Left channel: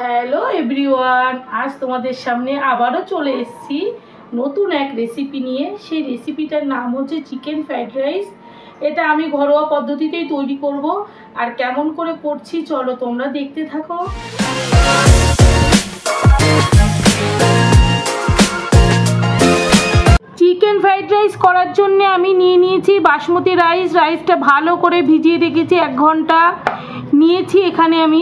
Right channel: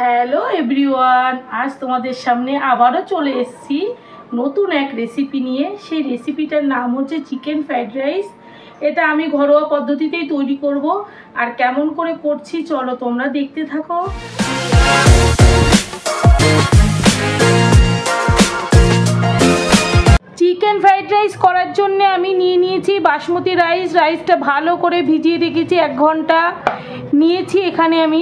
Hello everyone, আজ তোমাদের সামনে আবারও চলে এসেছি নতুন এক রেসিপি নিয়ে। সেই রেসিপিটার নাম হচ্ছে চিকেন ফ্রাইড রাইস। এটা আমি ঘরোয়া পদ্ধতিতেই তৈরি করব, আর কেমন করে করছি চলো তোমরা দেখতে থাকো। চিকেন ফ্রাইড রাইস করার জন্য আমি নিয়ে নিয়েছি বাসমতি রাইস। রাইসটা ভালো করে ভিজিয়ে রেখেছি 1 ঘন্টা। নিয়েছি এখানে আমি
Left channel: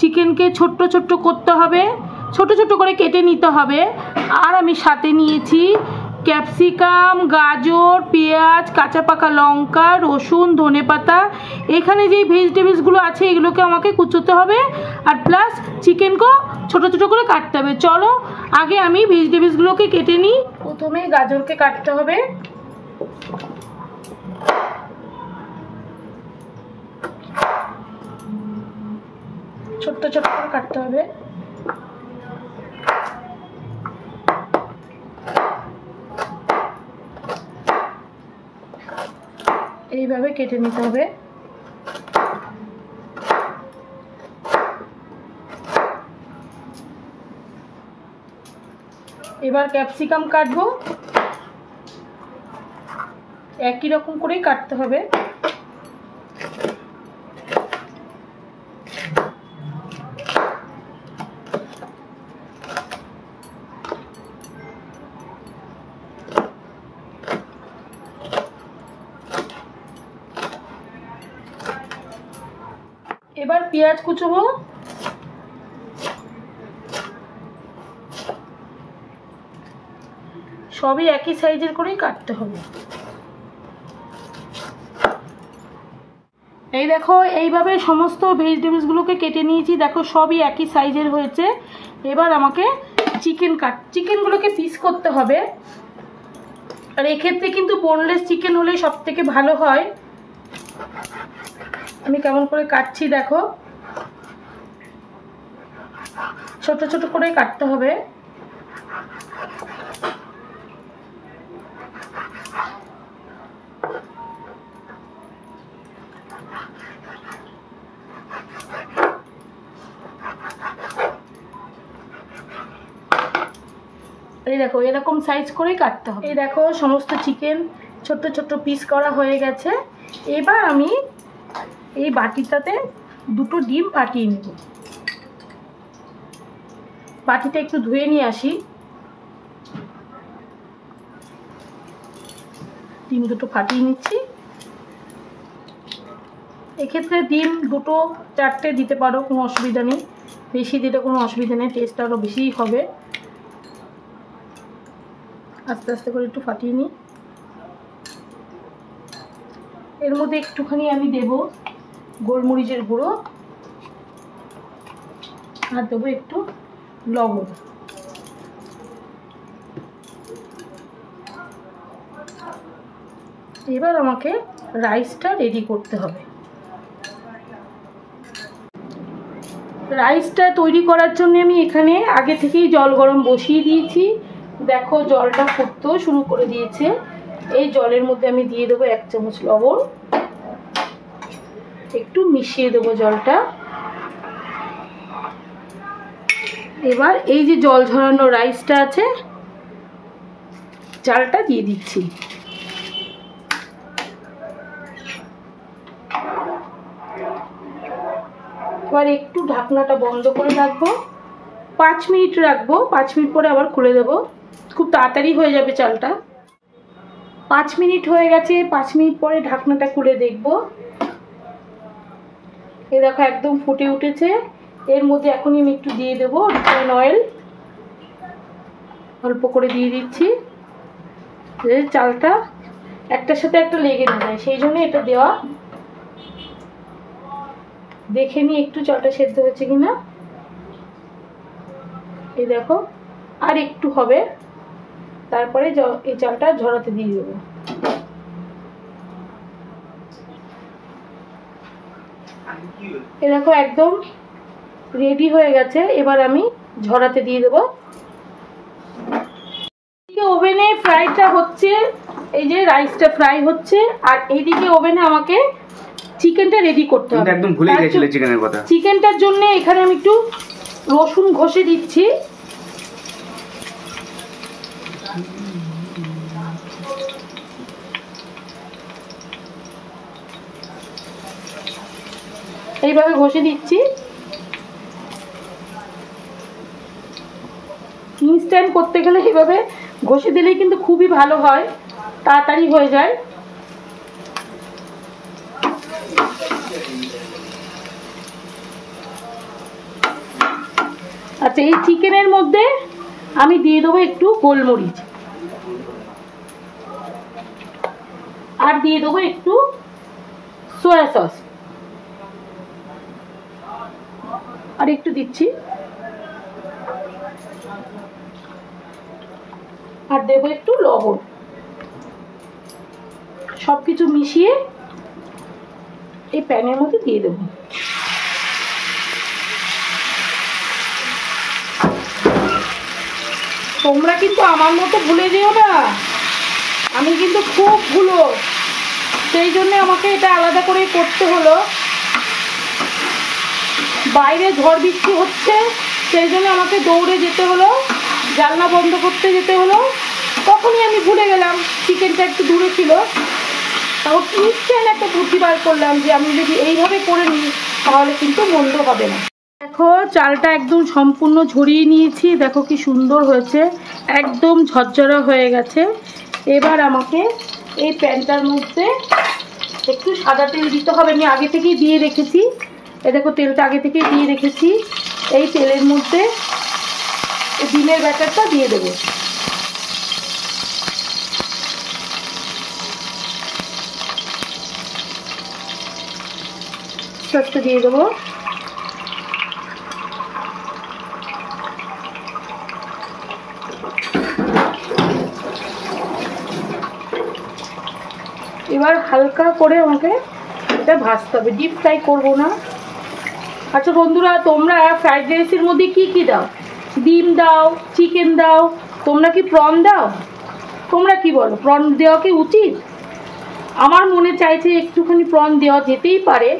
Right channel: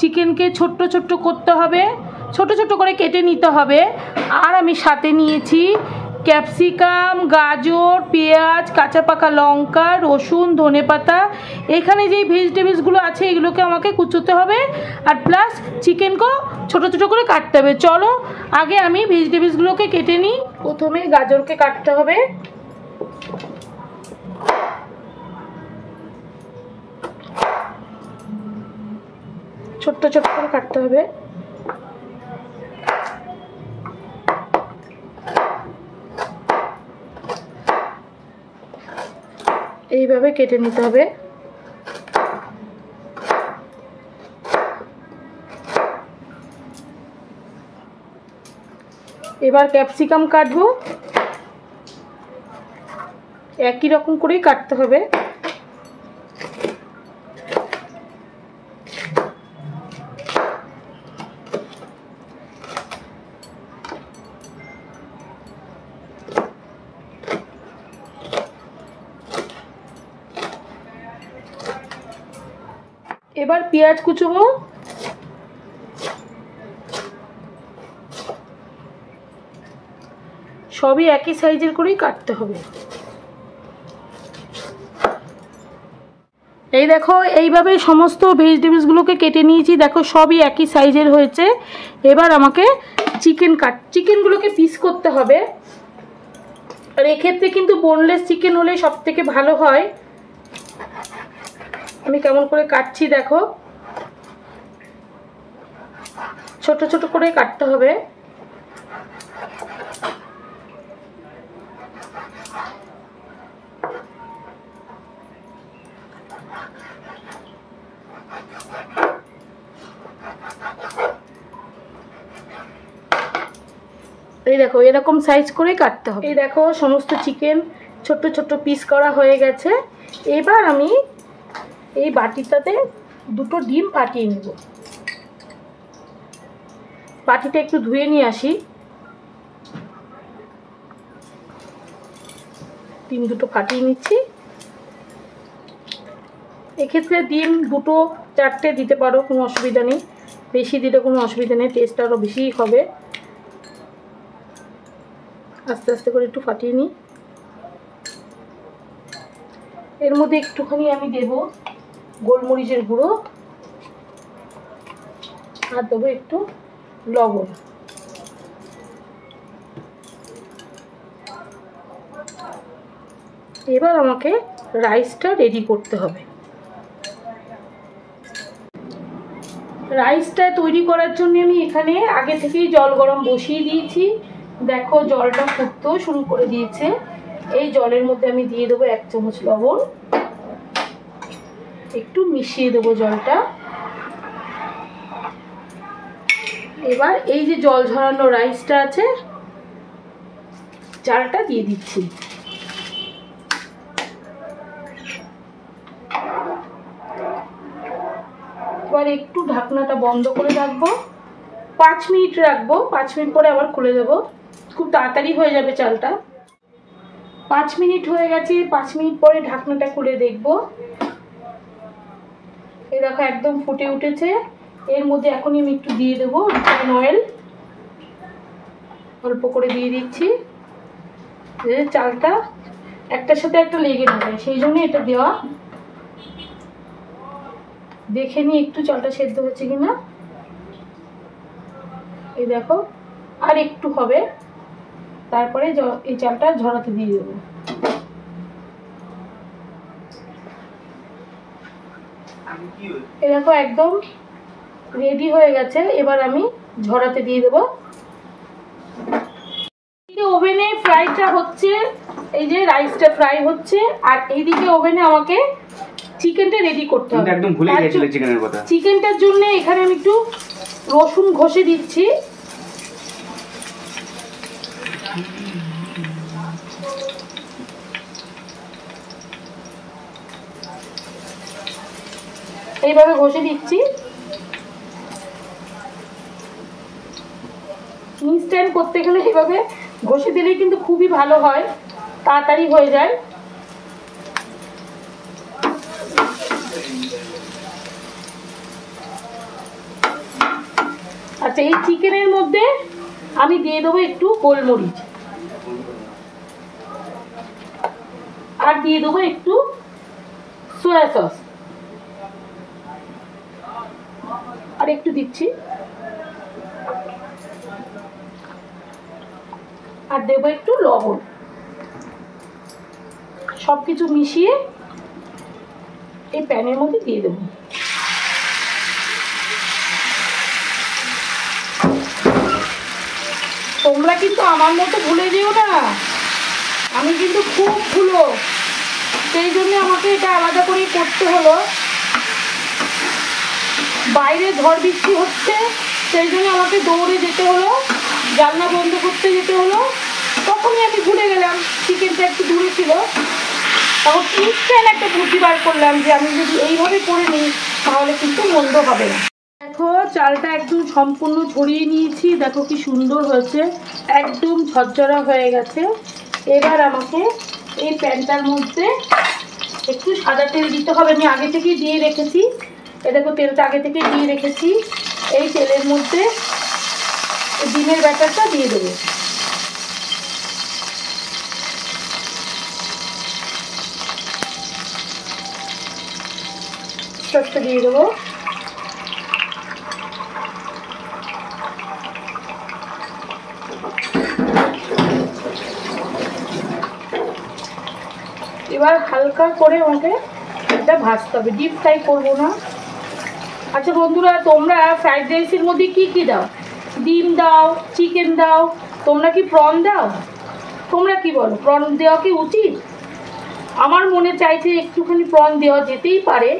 চিকেনকে ছোট্ট ছোট্ট করতে হবে, ছোট ছোট করে কেটে নিতে হবে। আর আমি সাথে নিয়েছি ক্যাপসিকাম, গাজর, পেঁয়াজ, কাঁচা পাকা লঙ্কা, রসুন, ধনেপাতা। এখানে যেই ভেজিটেবলসগুলো আছে এগুলোকে আমাকে কুচোতে হবে, আর প্লাস চিকেনকেও ছোট ছোট করে কাটতে হবে। চলো আগে আমি ভেজিটেবলসগুলোকে কেটে নিই। প্রথমে গাজরকে কাটতে হবে, ছোট্ট ছোট্ট করে কাটতে হবে। এইভাবে কেটে নিতে হবে। এবার ক্যাপসিকাম কাটবো, একই রকম করেই কাটতে হবে। এবার পেঁয়াজ কুচবো। সবই একই সাইজের করেই কাটতে হবে। এই দেখো এইভাবে সমস্ত ভেজিটেবলসগুলোকে কেটে নিয়েছি, দেখো সবই একই সাইজের হয়েছে। এবার আমাকে চিকেনগুলোকে পিস করতে হবে। আর এক্ষেত্রে কিন্তু বোনলেস চিকেন হলে সব থেকে ভালো হয়। আমি কেমন করে কাটছি দেখো, ছোট ছোট করে কাটতে হবে। এই দেখো এরকম সাইজ করে কাটতে হবে। এই দেখো সমস্ত চিকেন ছোট্ট ছোট্ট পিস করা হয়ে গেছে। এবার আমি এই বাটিটাতে 2টো ডিম ফাটিয়ে নেব। বাটিটা একটু ধুয়ে নিয়ে আসি। ডিম 2টো ফাটিয়ে নিচ্ছি। এক্ষেত্রে ডিম 2টো 4টে দিতে পারো, কোনো অসুবিধা নেই। বেশি দিলে কোনো অসুবিধা নেই, টেস্ট আরও বেশি হবে। আস্তে আস্তে করে একটু ফাটিয়ে নিই। এর মধ্যে একটুখানি আমি দেব গোলমরিচের গুঁড়ো, আর দেবো একটু লবণ। এবার আমাকে রাইসটা রেডি করতে হবে। রাইসটা তৈরি করার জন্য আমি এখানে আগে থেকেই জল গরম বসিয়ে দিয়েছি। দেখো জলটা ফুটতেও শুরু করে দিয়েছে। এই জলের মধ্যে আমি দিয়ে দেবো 1 চামচ লবণ, একটু মিশিয়ে দেবো জলটা। এবার এই যে জল ঝরানো রাইসটা আছে, চালটা দিয়ে দিচ্ছি। এবার একটু ঢাকনাটা বন্ধ করে রাখবো, 5 মিনিট রাখবো। 5 মিনিট পরে আবার খুলে দেবো, খুব তাড়াতাড়ি হয়ে যাবে চালটা। 5 মিনিট হয়ে গেছে। 5 মিনিট পরে ঢাকনাটা খুলে দেখবো। এই দেখো একদম ফুটে উঠেছে। এর মধ্যে এখনই আমি একটু দিয়ে দেবো রিফাইন অয়েল, অল্প করে দিয়ে দিচ্ছি। চালটা একটার সাথে একটা লেগে না যায়, সেই জন্য এটা দেওয়া। দেখে নিই একটু চালটা সেদ্ধ হচ্ছে কিনা। এই দেখো আর একটু হবে, তারপরে এই চালটা ঝরাতে দিয়ে দেবো। এই দেখো একদম রেডি হয়ে গেছে। এবার আমি ঝরাতে দিয়ে দেবো। ওভেনে ফ্রাইটা হচ্ছে, এই যে রাইসটা ফ্রাই হচ্ছে, আর এইদিকে ওভেনে আমাকে চিকেনটা রেডি করতে হবে। একদম ভুলে গিয়েছিলে চিকেনের কথা। চিকেনটার জন্য এখানে আমি একটু রসুন ঘষে দিচ্ছি। এইভাবে ঘষে দিচ্ছি। ইনস্ট্যান্ট করতে গেলে এইভাবে ঘষে দিলেই কিন্তু খুবই ভালো হয়, তাড়াতাড়ি হয়ে যায়। আচ্ছা, এই চিকেনের মধ্যে আমি দিয়ে দেবো একটু গোলমরিচ, আর দিয়ে দেবো একটু সয়া সস, আর একটু দিচ্ছি, আর দেবো একটু লবণ। সবকিছু মিশিয়ে এই প্যানের মধ্যে দিয়ে দেবো। তোমরা কিন্তু আমার মতো ভুলে যেও না, আমি কিন্তু খুব ভুলো, সেই জন্য আমাকে এটা আলাদা করে করতে হলো। বাইরে ঝড় বৃষ্টি হচ্ছে, সেই জন্য আমাকে দৌড়ে যেতে হলো, জানলা বন্ধ করতে যেতে হলো। তখনই আমি ভুলে গেলাম, চিকেনটা একটু দূরে ছিল। তখন ইনস্ট্যান্ট একটা বুদ্ধি বার করলাম যে আমি যদি এইভাবে করে নিই তাহলে কিন্তু মন্দ হবে না। দেখো, চালটা একদম সম্পূর্ণ ঝরিয়ে নিয়েছি, দেখো কি সুন্দর হয়েছে, একদম ঝরঝরা হয়ে গেছে। এবার আমাকে এই প্যানটার মধ্যে একটু সাদা তেল দিতে হবে। আমি আগে থেকেই দিয়ে রেখেছি, এ দেখো তেলটা আগে থেকে দিয়ে রেখেছি। এই তেলের মধ্যে ডিমের ব্যাটারটা দিয়ে দেবো। সসটা দিয়ে দেবো। এবার হালকা করে আমাকে এটা ভাজতে হবে, ডিপ ফ্রাই করবো না। আচ্ছা বন্ধুরা, তোমরা ফ্রাইড রাইসের মধ্যে কি কি দাও? ডিম দাও, চিকেন দাও, তোমরা কি প্রন দাও? তোমরা কি বলো, প্রন দেওয়া কি উচিত? আমার মনে চাইছে একটুখানি প্রন দেওয়া যেতেই পারে।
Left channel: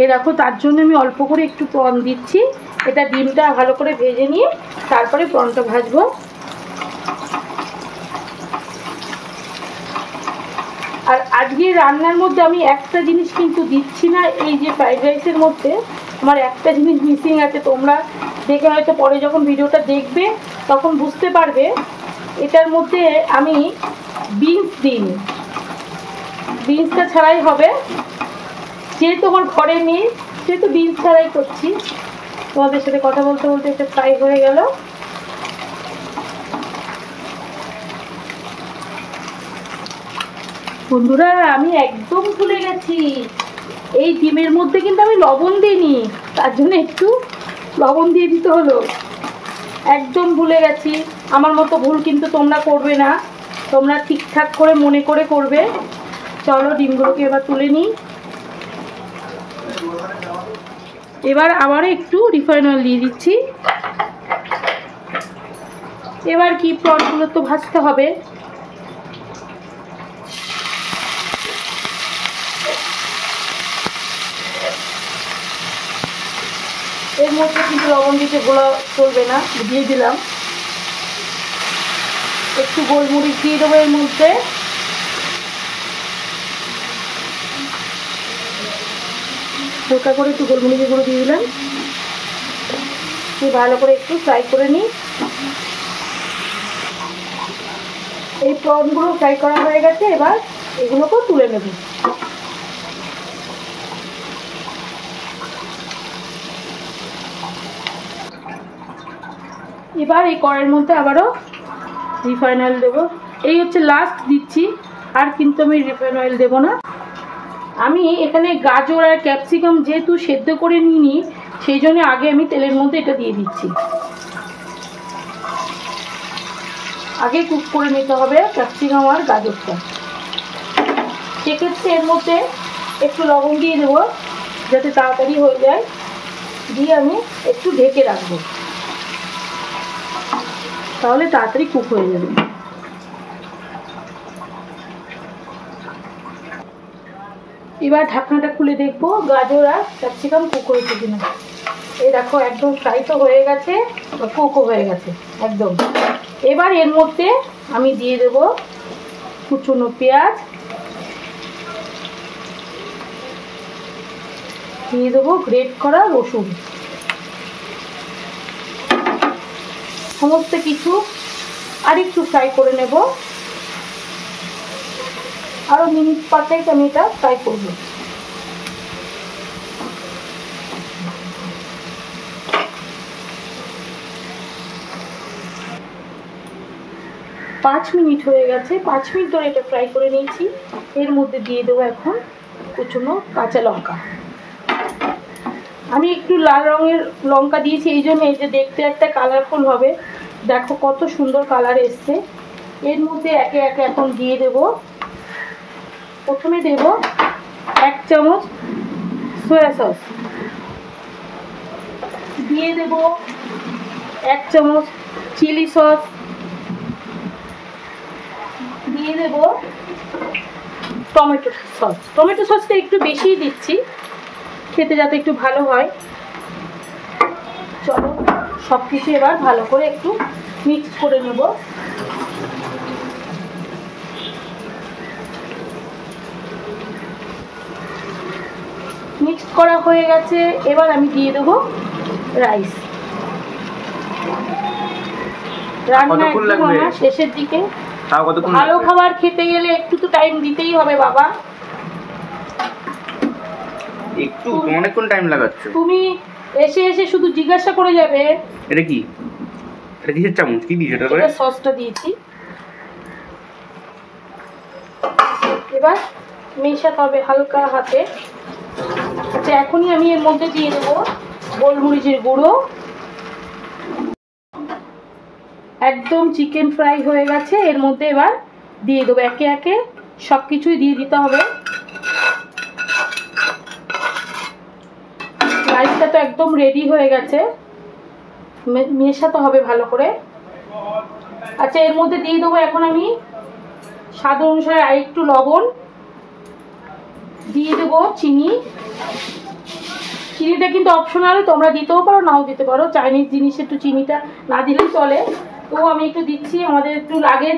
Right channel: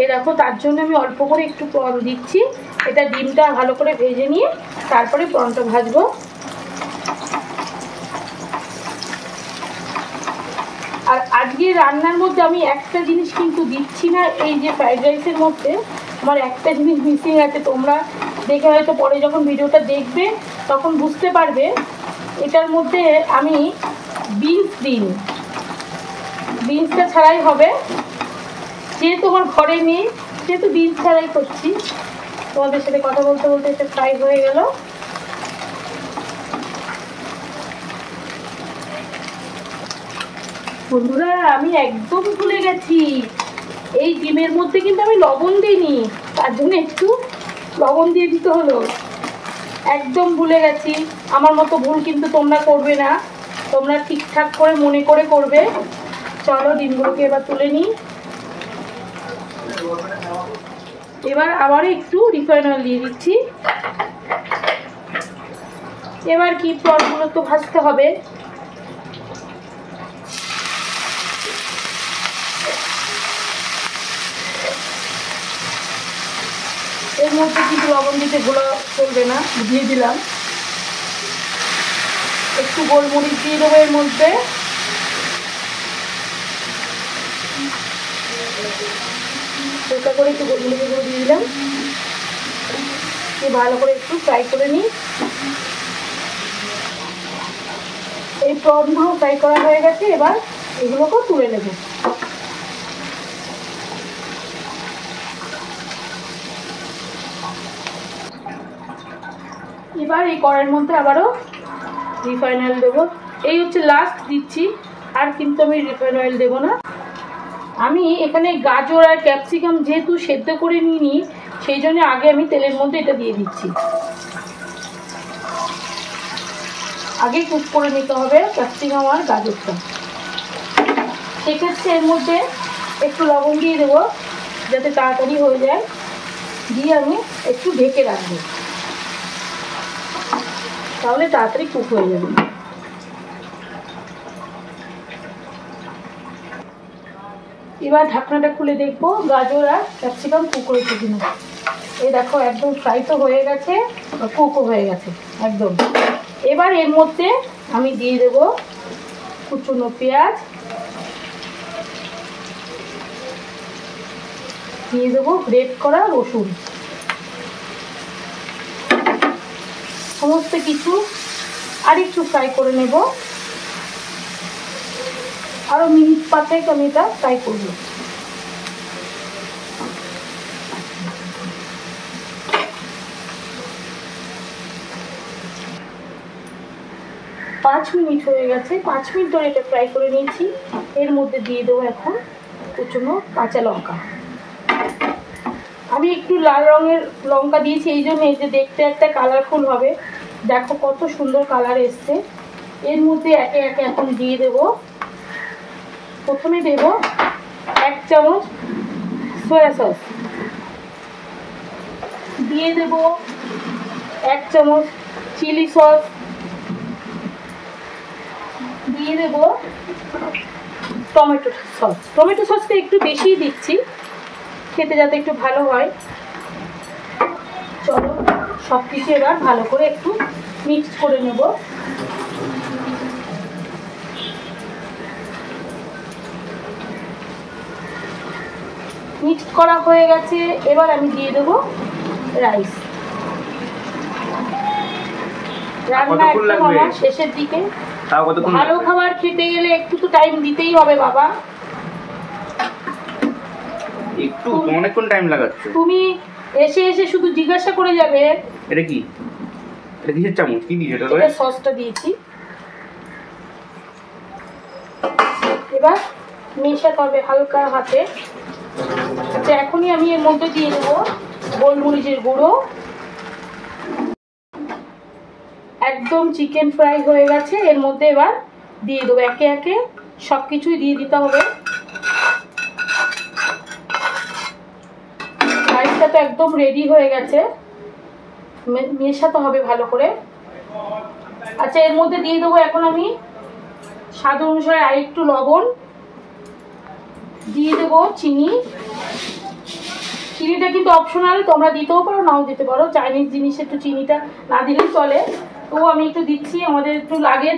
এই দেখো, তার জন্য আমি অল্প করে একটু প্রন দিচ্ছি। এটা ডিমটা ভালো করে ভেজে নিয়ে তারপরে প্রনটা ভাজবো। আর আজকে রান্নার মধ্যে আমি একটা জিনিস কিন্তু দিচ্ছি না, এই যে ফ্রাইড রাইসের মধ্যে আমার একটা জিনিস মিসিং আছে। তোমরা দেখে হয়তো পরে যখন ভিডিওটা দেখবে তখন বুঝতে পারবে। এটার মধ্যে আমি বিনস দিইনি, বিনসটা ছাড়াই হবে। যেহেতু আমার ঘরে নেই সেহেতু বিনস ছাড়াই করছি। তোমাদের সাথে কথা বলতে বলতে এটা ফ্রাই হয়ে গেল। বন্ধুরা, আমি একদম ভুলে গেছি, এই ডিমের মধ্যে কিন্তু আমি লবণ দিইনি, তার জন্য একটু লবণ দিয়ে দিতে হলো। একদম ভুলে গেছি। আমার মতো ভুল কিন্তু তোমরা করবে না, তোমরা ঠিকঠাক করে মনে করে করবে। চলো ডিমগুলোকে এবার তুলে নিই। এবার আবারও একটু রিফাইন অয়েল দিয়ে দিচ্ছি। এবার কি প্রনগুলো তো ভাজতে হবে। এর মধ্যে কিন্তু লবণ দিতে গোলা চলবে না, দিয়ে দিলাম। একটু গোলমরিচ দিয়ে দেবো এর মধ্যে। হালকা করে একটু গোলমরিচের গুঁড়ো দিয়ে দিলাম। দিয়ে ভালো করে একটু ফ্রাই করে নিই। এই প্রনগুলো ফ্রাই করা হয়ে গেছে, এবার এগুলোকেও তুলে নেব। এবার এই কড়াইয়ের মধ্যে আবারও রিফাইন অয়েল দেবো। এই হচ্ছে লাস্ট দিচ্ছি, আর কিন্তু আমি রিফাইন অয়েল দেবো না। আমি এখানে গাজর আর ক্যাপসিকাম যেহেতু সেদ্ধ করে নিইনি, সেই জন্য আগে আমি তেলের মধ্যে এটা দিয়ে দিচ্ছি। আগে কুক করে নিতে হবে ক্যাপসিকাম আর গাজরটা। সেক্ষেত্রে এর মধ্যে একটু লবণ দিয়ে দেবো যাতে তাড়াতাড়ি হয়ে যায়। দিয়ে আমি একটু ঢেকে রাখবো, তাহলে তাড়াতাড়ি কুক হয়ে যাবে। এবার ঢাকনাটা খুলে দেখবো গাজর আর ক্যাপসিকাম কুক হয়েছে কিনা। এই দেখো একদম ফ্রাই তো হয়ে গেছে, কুকও হয়ে গেছে একদম। এবার এর মধ্যে আমি দিয়ে দেবো কুচনো পেঁয়াজ, দিয়ে দেবো গ্রেট করা রসুন, সমস্ত কিছু আর একটু ফ্রাই করে নেব। আরো মিনিট 5 আমি এটা ফ্রাই করবো। পাঁচ মিনিট হয়ে গেছে, 5 মিনিট ধরে এটা ফ্রাই করে নিয়েছি। এর মধ্যে দিয়ে দেবো এখন কুচনো কাঁচা লঙ্কা। আমি একটু লাল রঙের লঙ্কা দিয়েছি এই জন্য, এই যে দেখতে একটা কালারফুল হবে। দেখো কত সুন্দর কালার এসছে। এর মধ্যে একে একে এখন দিয়ে দেব। প্রথমে দেব 1 চামচ সয়া সস, দিয়ে দেব 1 চামচ চিলি সস, দিয়ে দেব টমেটো সস। টমেটো সসটা একটু বেশি দিচ্ছি খেতে যাতে একটু ভালো হয়। চলো সব কিছু এবার ভালো করে একটু মিক্স করে নেব। মিক্স করা হয়ে গেছে, এবার আমি দিয়ে দেবো রাইস। রান্না একদম আমার শেষের দিকে। ভালো খাবার খেতে গেলে একটু তো টাইম দিতেই হবে বাবা। একটু অনেকক্ষণ টাইম লাগাচ্ছ তুমি। এসে এসে শুধু জিজ্ঞাসা করে যাবে এটা কি, এটা কিসের চামচ, কি দিয়েছো এটা? এটা সসটা দিয়েছি। এবার মেশাতে হবে হালকা হাতে। আচ্ছা এখনই আমি এর মধ্যে দিয়ে দেবো গোলমরিচের গুঁড়ো। একদম চিকেন ফ্রাই হয়ে গেছে, এর মধ্যে এবার দিয়ে দেবো একে একে সব কিছুই দিয়ে দিতে হবে। রাইসটা তো একদম রেডি হয়ে গেছে, মেশাতে হবে ভালো করে। আচ্ছা এর মধ্যে দিয়ে দেবো এখন আমি স্বাদ অনুসারে আর একটু লবণ, দিয়ে দেবো চিনি। চিনিটা কিন্তু অপশনাল, তোমরা দিতেও পারো নাও দিতে পারো। চাইনিজ জিনিসে একটু চিনিটা না দিলেও চলে, তবুও আমি একটু দিচ্ছি। আমাদের একটু লাগে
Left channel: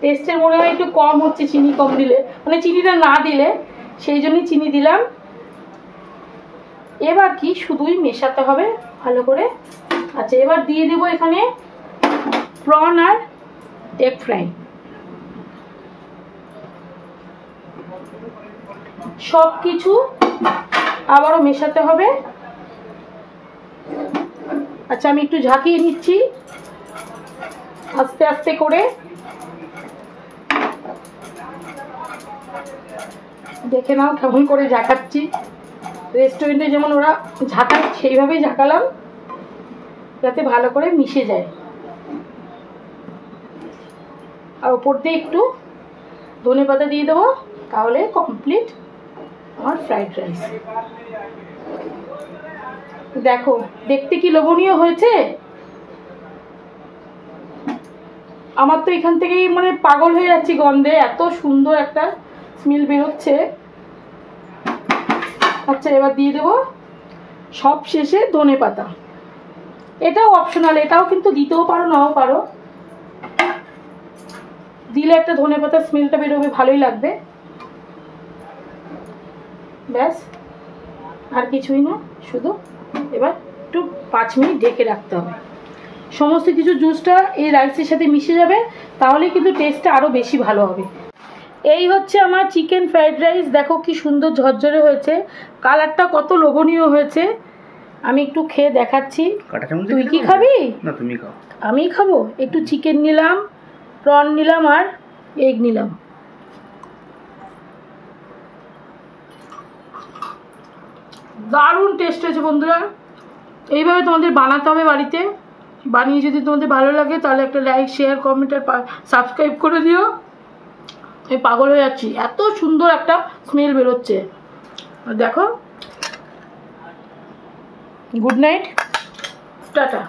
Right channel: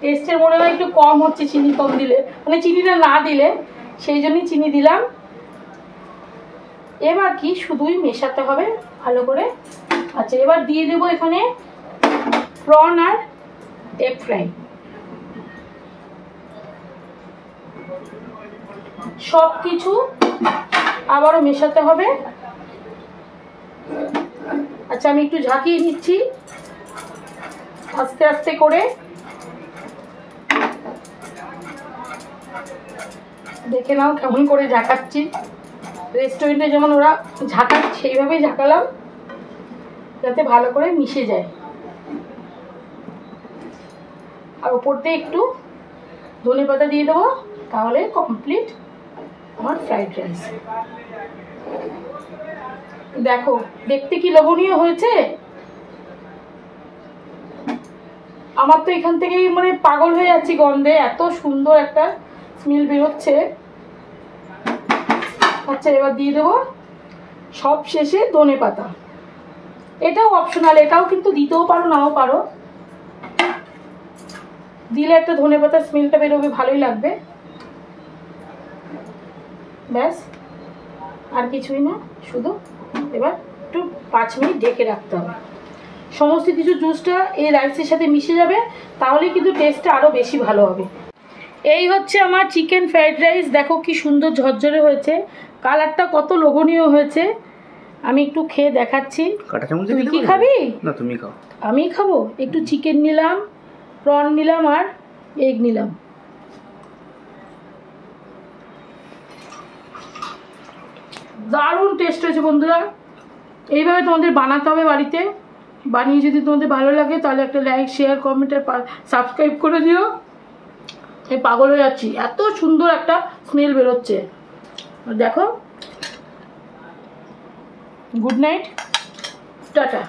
টেস্টের মনে হয় একটু কম হচ্ছে চিনি কম দিলে, মানে চিনিটা না দিলে, সেই জন্যই চিনি দিলাম। এবার কি শুধুই মেশাতে হবে ভালো করে। আচ্ছা এবার দিয়ে দেবো এখানে প্রন আর এগ ফ্রাই। সব কিছু আবারও মেশাতে হবে। আচ্ছা আমি একটু ঝাঁকিয়ে নিচ্ছি আস্তে আস্তে করে। দেখে নাও কেমন করে ঝাঁকাচ্ছি, রেস্টুরেন্টে যেমন ওরা ঝাঁকায় সেইভাবেই ঝাঁকালাম যাতে ভালো করে মিশে যায়। আর উপর দিয়ে একটু ধনেপাতা দিয়ে দেবো, তাহলে কমপ্লিট আমার ফ্রাইড রাইস। দেখো দেখতে কি লোভনীয় হয়েছে। আমার তো এখান থেকেই মানে পাগল হয়ে যাচ্ছি গন্ধে, এত সুন্দর একটা স্মেল বেরোচ্ছে। আচ্ছা এবার দিয়ে দেবো সব শেষে ধনেপাতা। এটাও অপশনাল, এটাও কিন্তু দিতেও পারো নাও পারো। দিলে একটা ধনেপাতার স্মেলটা বেরোবে, ভালোই লাগবে। ব্যাস আর কিছুই না, শুধু এবার একটু 5 মিনিট ঢেকে রাখতে হবে। সমস্ত কিছু জুসটা এই রাইসের সাথে মিশে যাবে, তাহলে কিন্তু টেস্টটা আরও বেশি ভালো হবে। এই হচ্ছে আমার চিকেন ফ্রাইড রাইস। দেখো কি সুন্দর ঝরঝরে হয়েছে, কালারটা কত লোভনীয় হয়েছে। আমি একটু খেয়ে দেখাচ্ছি। তুই কি খাবি? না তুমি খাও। আমি খাবো। একটু চিকেন নিলাম, প্রন নিলাম আর এগ নিলাম। দারুণ টেস্ট হয়েছে বন্ধুরা। এইভাবে তোমাদের বানাতে হবে বাড়িতে। বানিয়ে যদি তোমাদের ভালো লাগে তাহলে একটা লাইক শেয়ার কমেন্ট আর সাবস্ক্রাইব করে দিও। আমি পাগল হয়ে যাচ্ছি, এত সুন্দর একটা স্মেল বেরোচ্ছে। দেখো, গুড নাইট, টাটা।